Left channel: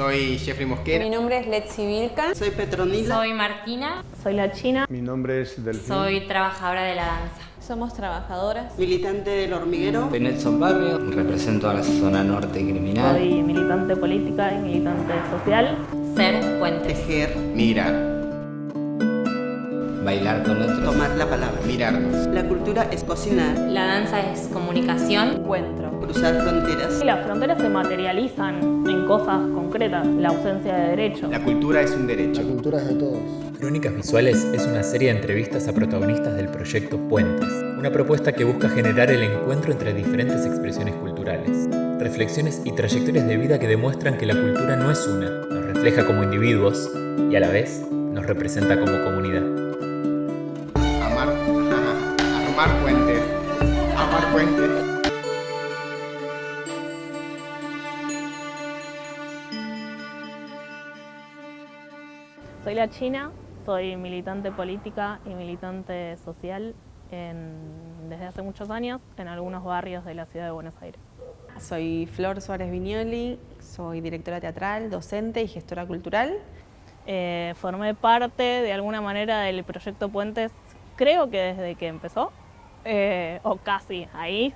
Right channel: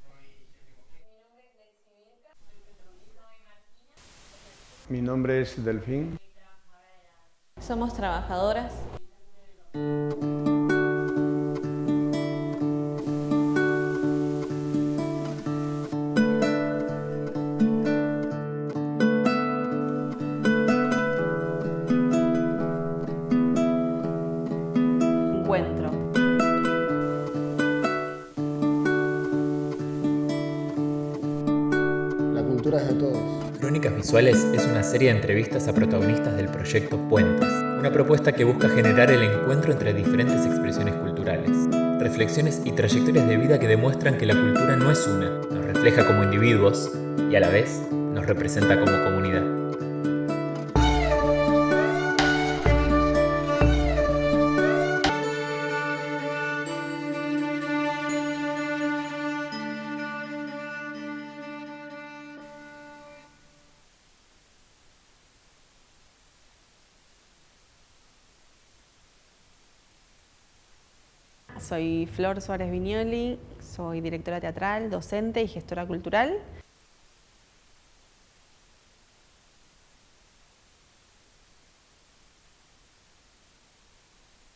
Soy Jeffrey Mosquera. Mi nombre es Letzi Vilcan. Soy Petronila. Soy Martina. Soy la China. Mi nombre es Delfín. Soy trabajadora de la danza. Somos trabajadoras. Militante del hormiguero. Soy Nelson Barrio, represento a la zona norte criminal. Soy militante política y militante social. Ser puentes. Tejer. Mirar. Bailar con otros. Tomar la palabra. Mirarnos. La cultura es cocinar. La danza es comunicación. Encuentro. Cruzar fronteras. Y las fronteras se materializan en cosas concretas, la ausencia de derechos. La cultura es un La derecho. cultura es de todos. Crónicas Visuales es una serie de entrevistas a protagonistas del proyecto Puentes, una propuesta que busca generar el encuentro entre diferentes expresiones culturales, reflexiones y trayectorias de vida que demuestran que la cultura no es una, nos refleja como individuos y a la vez nos representa como comunidad. Amar puentes. Amar puentes. Soy la China, soy militante política y militante social desde hace muchos años en algunos barrios de la ciudad de Buenos Aires. Soy Flor Suárez Viñoli, soy directora teatral, docente y gestora cultural. Formé parte de alguna manera del proyecto Puentes, creo que desde que empezó, o casi ahí,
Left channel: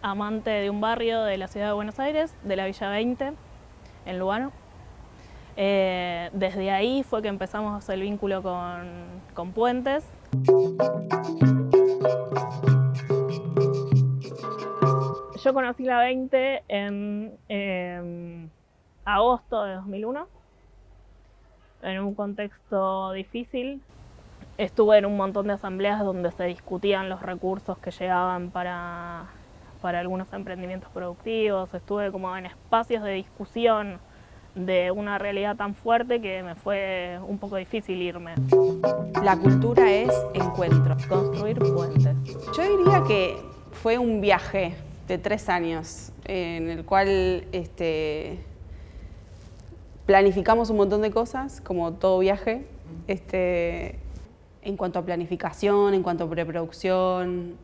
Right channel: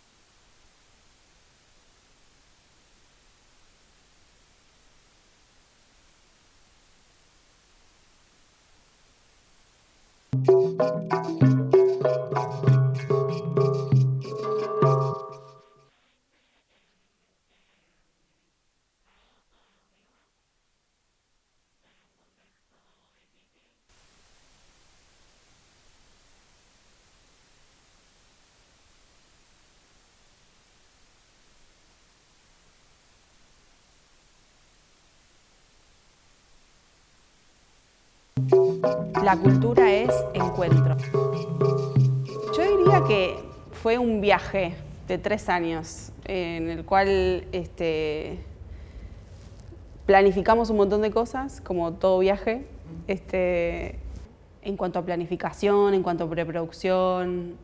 amante de un barrio de la ciudad de Buenos Aires, de la Villa 20, en Lugano. Desde ahí fue que empezamos el vínculo con Puentes. Yo conocí la 20 en agosto de 2001, en un contexto difícil. Estuve en un montón de asambleas donde se discutían los recursos que llegaban para algunos emprendimientos productivos. Estuve como en espacios de discusión de una realidad tan fuerte que me fue un poco difícil irme. La cultura es encuentro. Construir puentes. Yo diría que fue un viaje de 3 años en el cual planificamos un montón de cosas, como todo viaje, en cuanto a planificación, en cuanto a preproducción,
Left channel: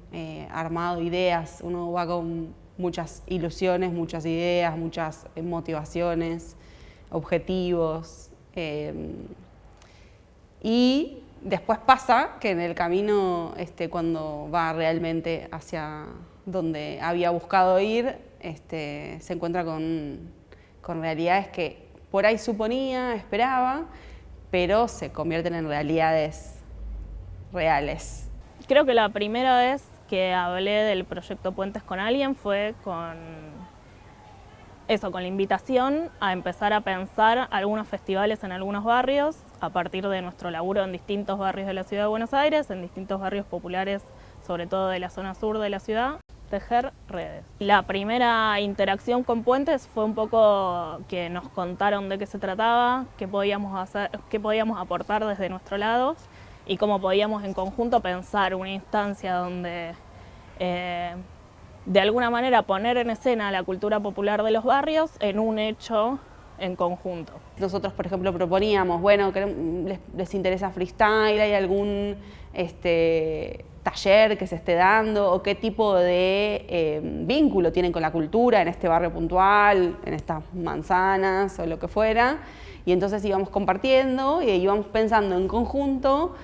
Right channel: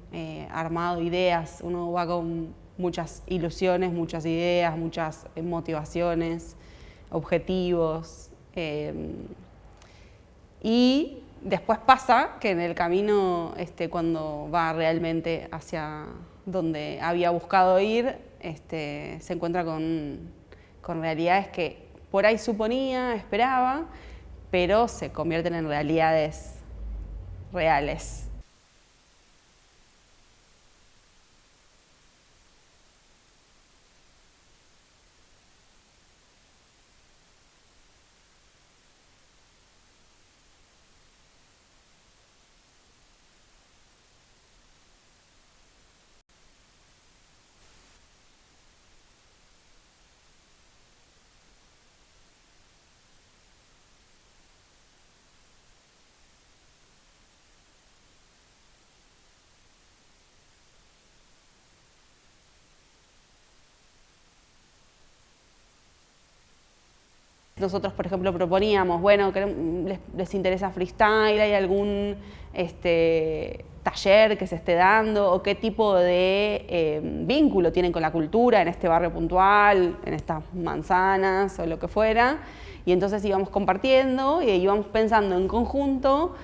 armado, ideas. Uno va con muchas ilusiones, muchas ideas, muchas motivaciones, objetivos. Y después pasa que en el camino, cuando va realmente hacia donde había buscado ir, se encuentra con realidades que por ahí suponía, esperaba, pero se convierten en realidades reales. Creo que la primera vez que hablé del proyecto Puentes con alguien fue con la invitación a empezar a pensar algunos festivales en algunos barrios a partir de nuestro laburo en distintos barrios de la ciudad de Buenos Aires, en distintos barrios populares, sobre todo de la zona sur de la ciudad, tejer redes. La primera interacción con Puentes fue un poco que nos contaron de qué se trataba, qué podíamos hacer, qué podíamos aportar desde nuestro lado y cómo podíamos en conjunto pensar una instancia donde de alguna manera poner en escena la cultura popular de los barrios en un hecho en conjunto. Nosotros, por ejemplo, proponíamos, bueno, les interesa freestyle, ¿hay algún taller que se esté dando? ¿O qué tipo de vínculo tienen con la cultura en este barrio puntual, en estas manzanas o lo que fuera? Y entonces íbamos compartiendo y íbamos pensando en conjunto,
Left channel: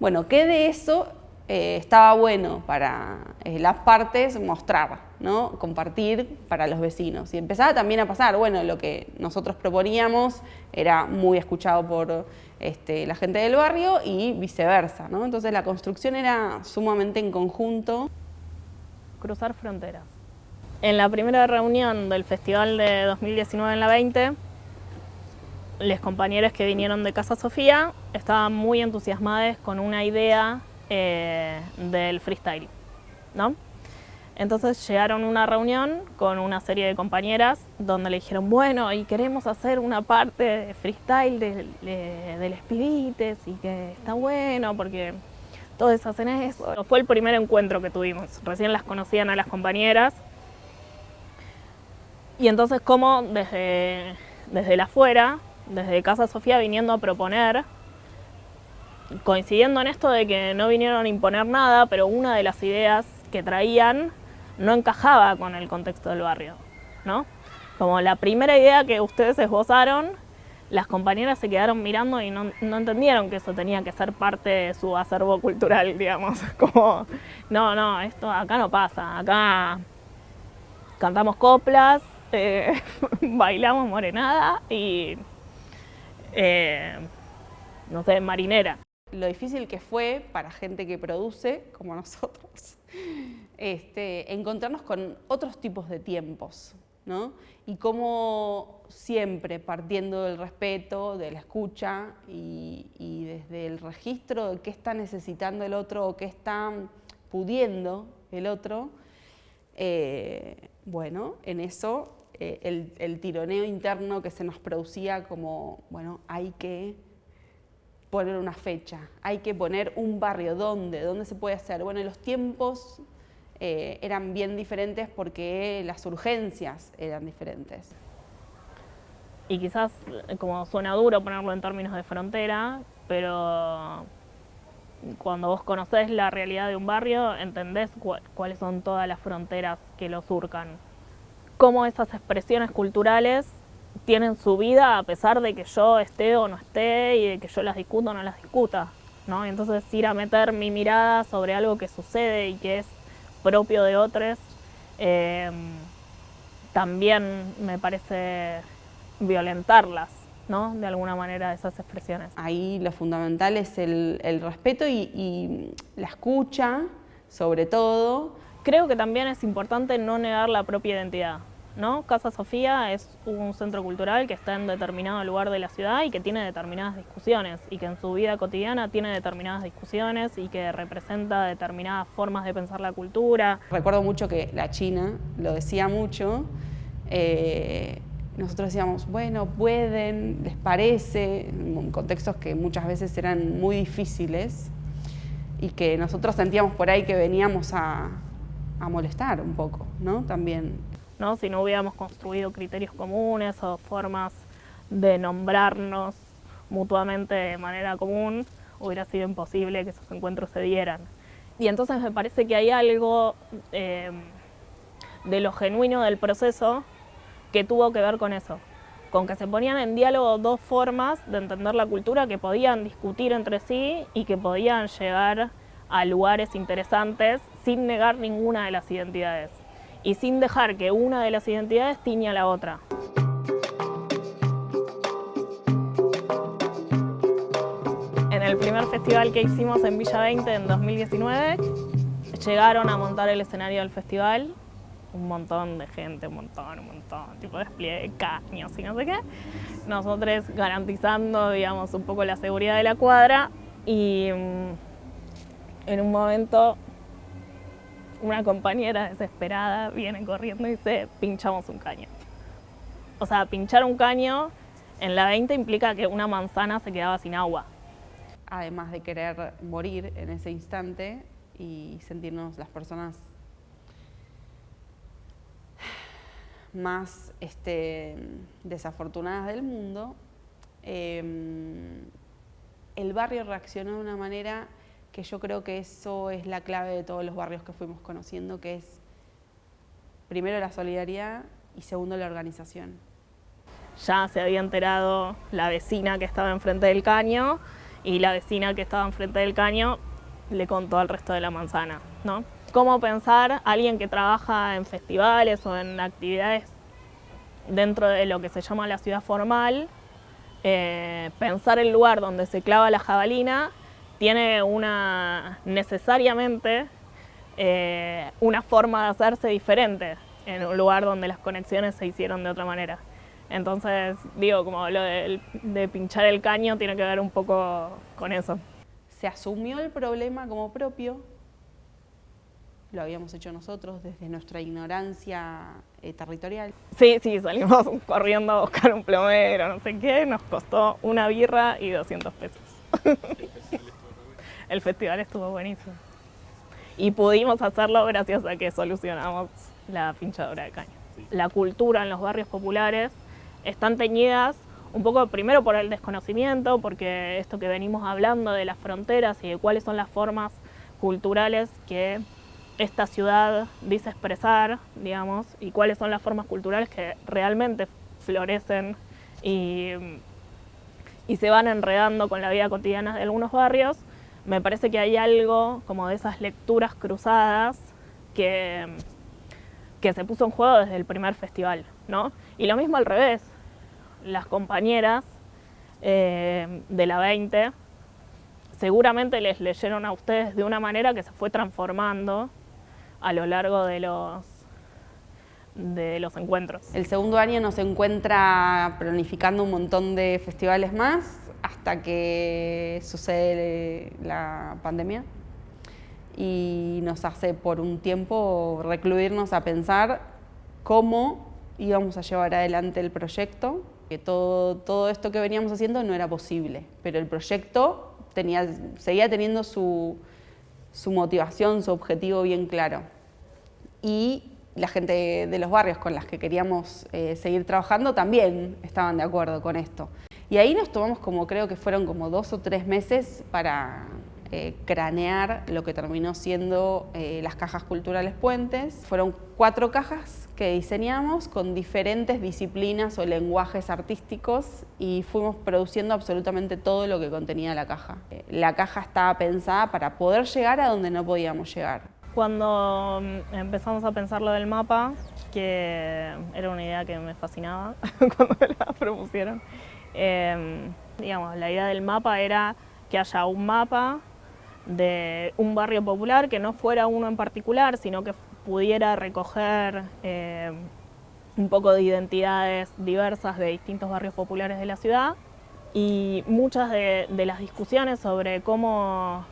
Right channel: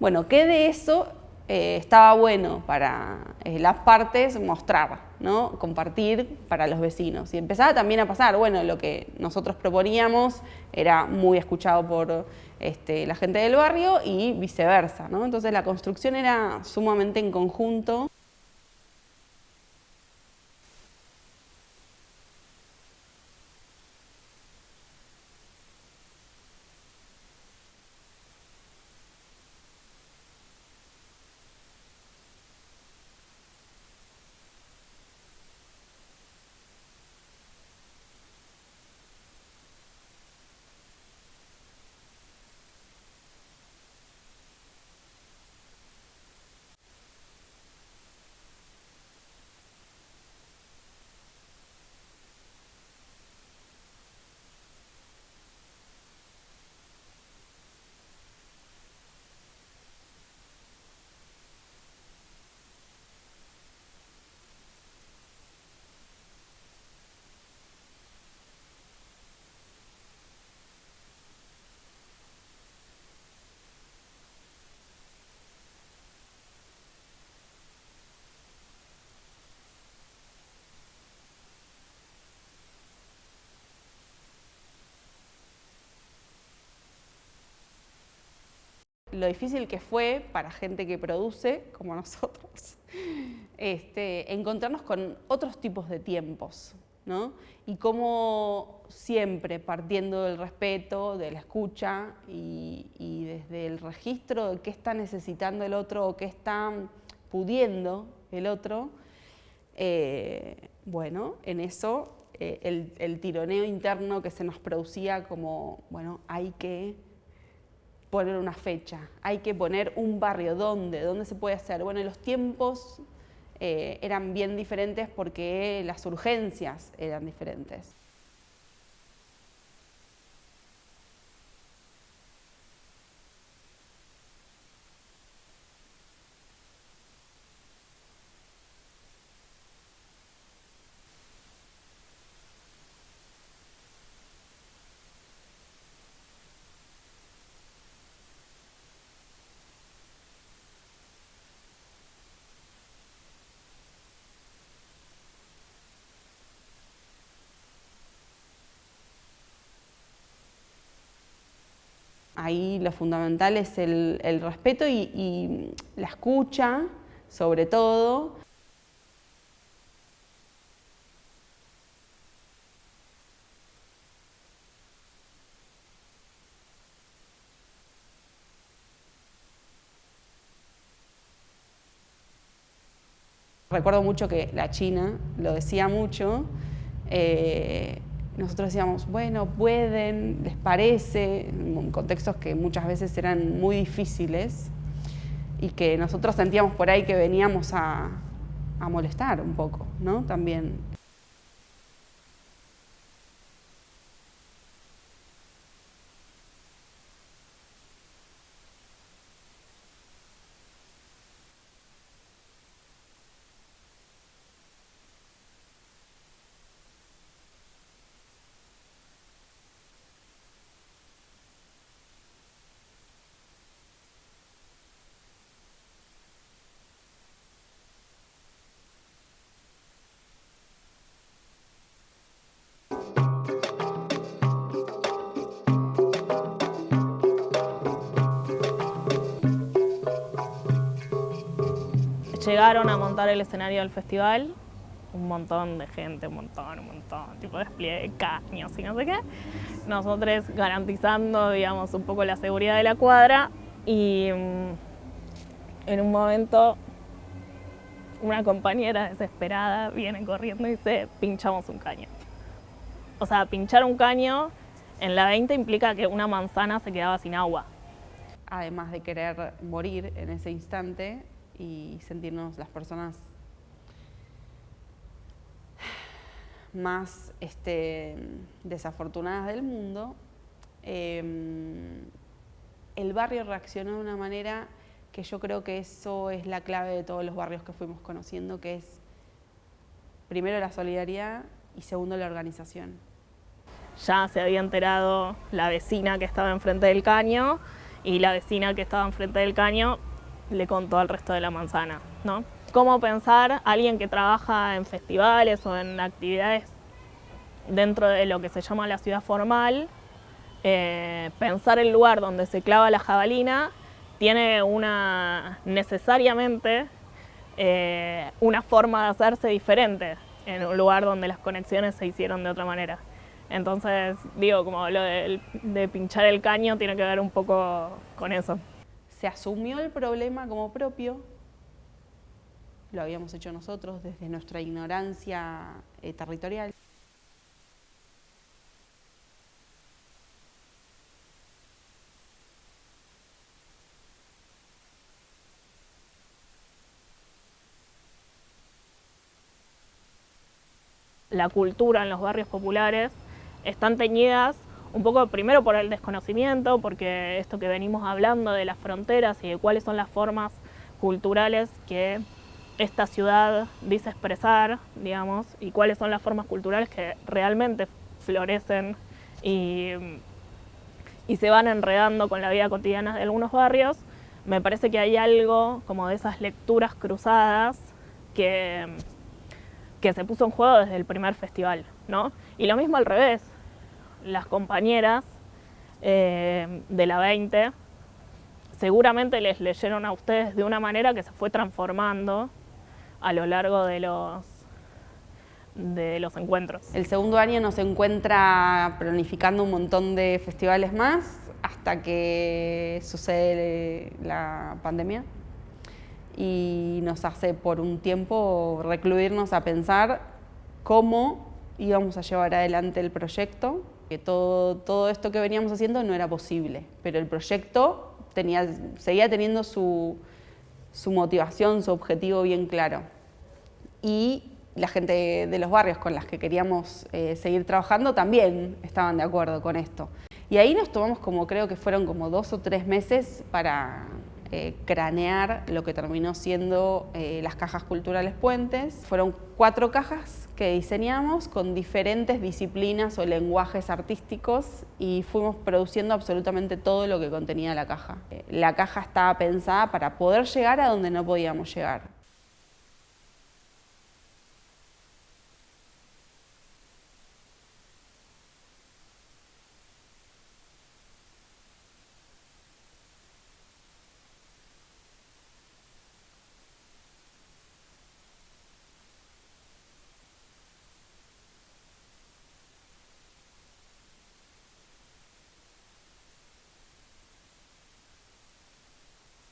bueno, ¿qué de eso estaba bueno para las partes mostrar, ¿no? Compartir para los vecinos? Y empezaba también a pasar, bueno, lo que nosotros proponíamos era muy escuchado por la gente del barrio y viceversa, ¿no? Entonces la construcción era sumamente en conjunto. Cruzar fronteras. En la primera reunión del festival de 2019 en la 20, los compañeros que vinieron de Casa Sofía estaban muy entusiasmados con una idea del freestyle, ¿no? Entonces llegaron a una reunión con una serie de compañeras donde le dijeron, bueno, y queremos hacer una parte de freestyle de los pibites y que está bueno porque todos hacen eso. Fue el primer encuentro que tuvimos, recién las conocían a las compañeras y entonces como desde el afuera, desde Casa Sofía viniendo a proponer, coincidiendo en esto de que no vinieron a imponer nada, pero una de las ideas que traían no encajaba con el contexto del barrio, ¿no? Como la primera idea que ustedes esbozaron, las compañeras se quedaron mirando y no entendieron que eso tenía que ser parte de su acervo cultural, digamos. Como, no, esto acá no pasa, acá cantamos coplas, bailamos morenada y, no sé, marinera. Lo difícil que fue para gente que produce, como nosotros, encontrarnos con otros tipos de tiempos, ¿no? Y cómo siempre partiendo del respeto, de la escucha y desde el registro de qué está necesitando el otro o qué está pudiendo el otro, bueno, en eso el tironeo interno que se nos producía como, bueno, hay que poner una fecha, hay que poner un barrio, ¿dónde se puede hacer? Bueno, los tiempos eran bien diferentes porque las urgencias eran diferentes. Y quizás, como suena duro ponerlo en términos de frontera, pero cuando vos conocés la realidad de un barrio, entendés cuáles son todas las fronteras que lo surcan. Cómo esas expresiones culturales tienen su vida a pesar de que yo esté o no esté y de que yo las discuta o no las discuta, ¿no? Entonces ir a meter mi mirada sobre algo que sucede y que es propio de otros, también me parece violentarlas, ¿no? De alguna manera, esas expresiones. Ahí lo fundamental es el respeto y la escucha, sobre todo. Creo que también es importante no negar la propia identidad, ¿no? Casa Sofía es un centro cultural que está en determinado lugar de la ciudad y que tiene determinadas discusiones y que en su vida cotidiana tiene determinadas discusiones y que representa determinadas formas de pensar la cultura. Recuerdo mucho que la China lo decía mucho, nosotros decíamos, bueno, pueden, les parece, en contextos que muchas veces eran muy difíciles y que nosotros sentíamos por ahí que veníamos a molestar un poco, ¿no? También. ¿No? Si no hubiéramos construido criterios comunes o formas de nombrarnos mutuamente de manera común, hubiera sido imposible que esos encuentros se dieran. Y entonces me parece que hay algo de lo genuino del proceso que tuvo que ver con eso, con que se ponían en diálogo dos formas de entender la cultura que podían discutir entre sí y que podían llegar a lugares interesantes sin negar ninguna de las identidades y sin dejar que una de las identidades tiña a la otra. En el primer festival que hicimos en Villa 20 en 2019, llegaron a montar el escenario del festival un montón de gente, un montón, tipo despliegue de caños y no sé qué. Nosotros garantizando, digamos, un poco la seguridad de la cuadra y en un momento una compañera desesperada viene corriendo y dice, pinchamos un caño. O sea, pinchar un caño en la 20 implica que una manzana se quedaba sin agua. Además de querer morir en ese instante y sentirnos las personas más desafortunadas del mundo, el barrio reaccionó de una manera que yo creo que eso es la clave de todos los barrios que fuimos conociendo, que es primero la solidaridad y segundo la organización. Ya se había enterado la vecina que estaba enfrente del caño y la vecina que estaba enfrente del caño le contó al resto de la manzana, ¿no? Cómo pensar a alguien que trabaja en festivales o en actividades dentro de lo que se llama la ciudad formal, pensar el lugar donde se clava la jabalina tiene necesariamente una forma de hacerse diferente en un lugar donde las conexiones se hicieron de otra manera. Entonces, digo, como lo de pinchar el caño tiene que ver un poco con eso. Se asumió el problema como propio, lo habíamos hecho nosotros desde nuestra ignorancia territorial. Sí, salimos corriendo a buscar un plomero, no sé qué, nos costó una birra y 200 pesos. El festival estuvo buenísimo. Y pudimos hacerlo gracias a que solucionamos la pinchadora de caño. La cultura en los barrios populares están teñidas un poco primero por el desconocimiento, porque esto que venimos hablando de las fronteras y de cuáles son las formas culturales que esta ciudad dice expresar, digamos, y cuáles son las formas culturales que realmente florecen y se van enredando con la vida cotidiana de algunos barrios. Me parece que hay algo como de esas lecturas cruzadas que se puso en juego desde el primer festival, ¿no? Y lo mismo al revés, las compañeras de la 20 seguramente les leyeron a ustedes de una manera que se fue transformando a lo largo de los encuentros. El segundo año nos encuentra planificando un montón de festivales más hasta que sucede la pandemia y nos hace por un tiempo recluirnos a pensar cómo íbamos a llevar adelante el proyecto, que todo esto que veníamos haciendo no era posible, pero el proyecto seguía teniendo su motivación, su objetivo bien claro. Y la gente de los barrios con las que queríamos seguir trabajando también estaban de acuerdo con esto. Y ahí nos tomamos creo que fueron como 2 o 3 meses para cranear lo que terminó siendo las cajas culturales Puentes. Fueron 4 cajas que diseñamos con diferentes disciplinas o lenguajes artísticos y fuimos produciendo absolutamente todo lo que contenía la caja. La caja estaba pensada para poder llegar a donde no podíamos llegar. Cuando empezamos a pensar lo del mapa, que era una idea que me fascinaba cuando me la propusieron, digamos, la idea del mapa era que haya un mapa de un barrio popular que no fuera uno en particular, sino que pudiera recoger un poco de identidades diversas de distintos barrios populares de la ciudad, y muchas de las discusiones sobre cómo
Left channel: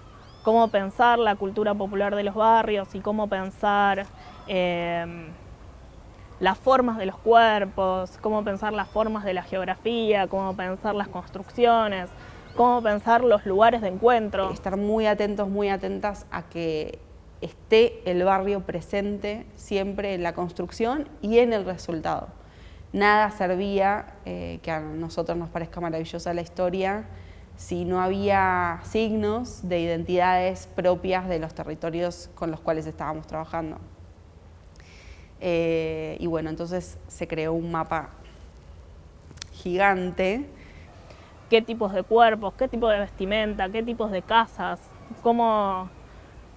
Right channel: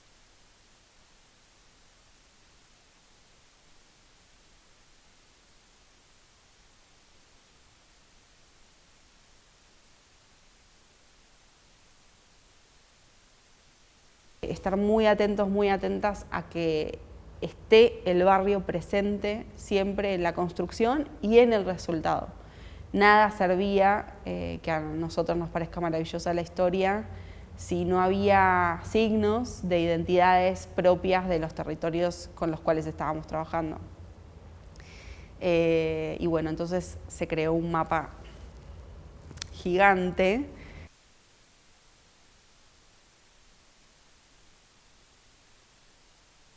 pensar la cultura popular de los barrios y cómo pensar las formas de los cuerpos, cómo pensar las formas de la geografía, cómo pensar las construcciones, cómo pensar los lugares de encuentro. Estar muy atentos, muy atentas a que esté el barrio presente siempre en la construcción y en el resultado. Nada servía que a nosotros nos parezca maravillosa la historia si no había signos de identidades propias de los territorios con los cuales estábamos trabajando. Y bueno, entonces se creó un mapa gigante. Qué tipos de cuerpos, qué tipo de vestimenta, qué tipos de casas,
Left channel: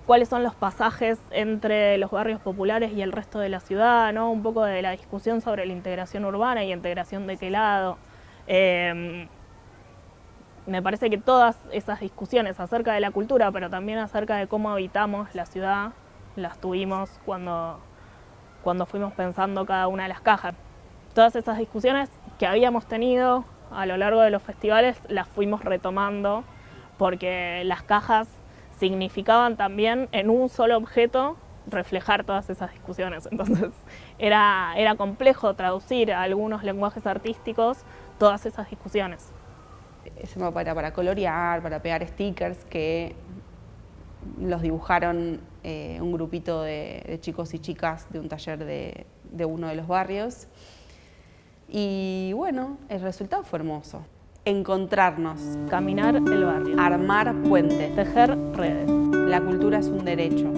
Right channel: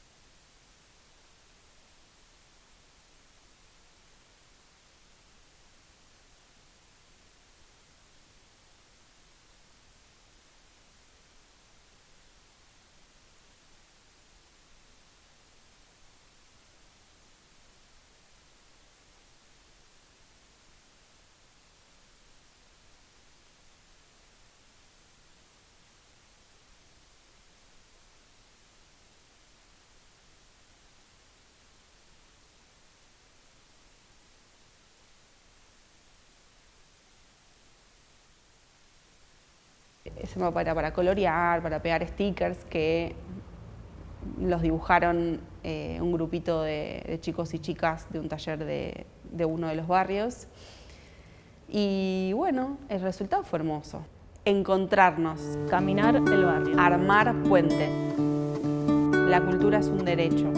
cuáles son los pasajes entre los barrios populares y el resto de la ciudad, ¿no? Un poco de la discusión sobre la integración urbana y integración de qué lado. Me parece que todas esas discusiones acerca de la cultura, pero también acerca de cómo habitamos la ciudad, las tuvimos cuando fuimos pensando cada una de las cajas. Todas esas discusiones que habíamos tenido a lo largo de los festivales las fuimos retomando porque las cajas significaban también en un solo objeto reflejar todas esas discusiones. Entonces era complejo traducir a algunos lenguajes artísticos todas esas discusiones. Ese mapa era para colorear, para pegar stickers que los dibujaron un grupito de chicos y chicas de un taller de uno de los barrios. Y bueno, el resultado fue hermoso. Encontrarnos, Caminar el barrio, armar puentes, tejer redes. La cultura es un derecho.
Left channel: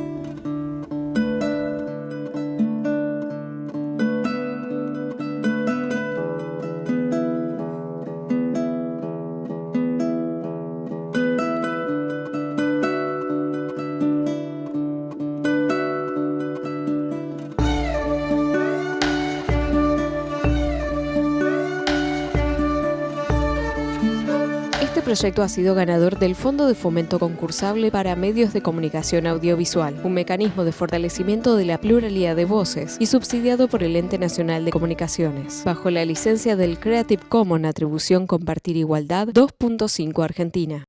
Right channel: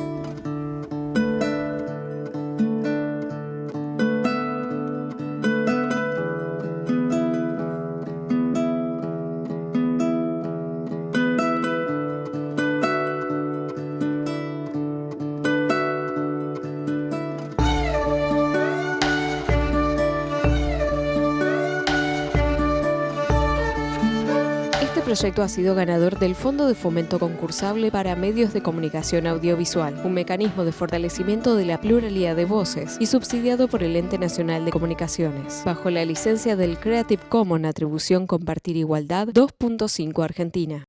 Este proyecto ha sido ganador del Fondo de Fomento Concursable para Medios de Comunicación Audiovisual, un mecanismo de fortalecimiento de la pluralidad de voces y subsidiado por el Ente Nacional de Comunicaciones, bajo la licencia del Creative Commons Atribución Compartir Igualdad 2.5 Argentina.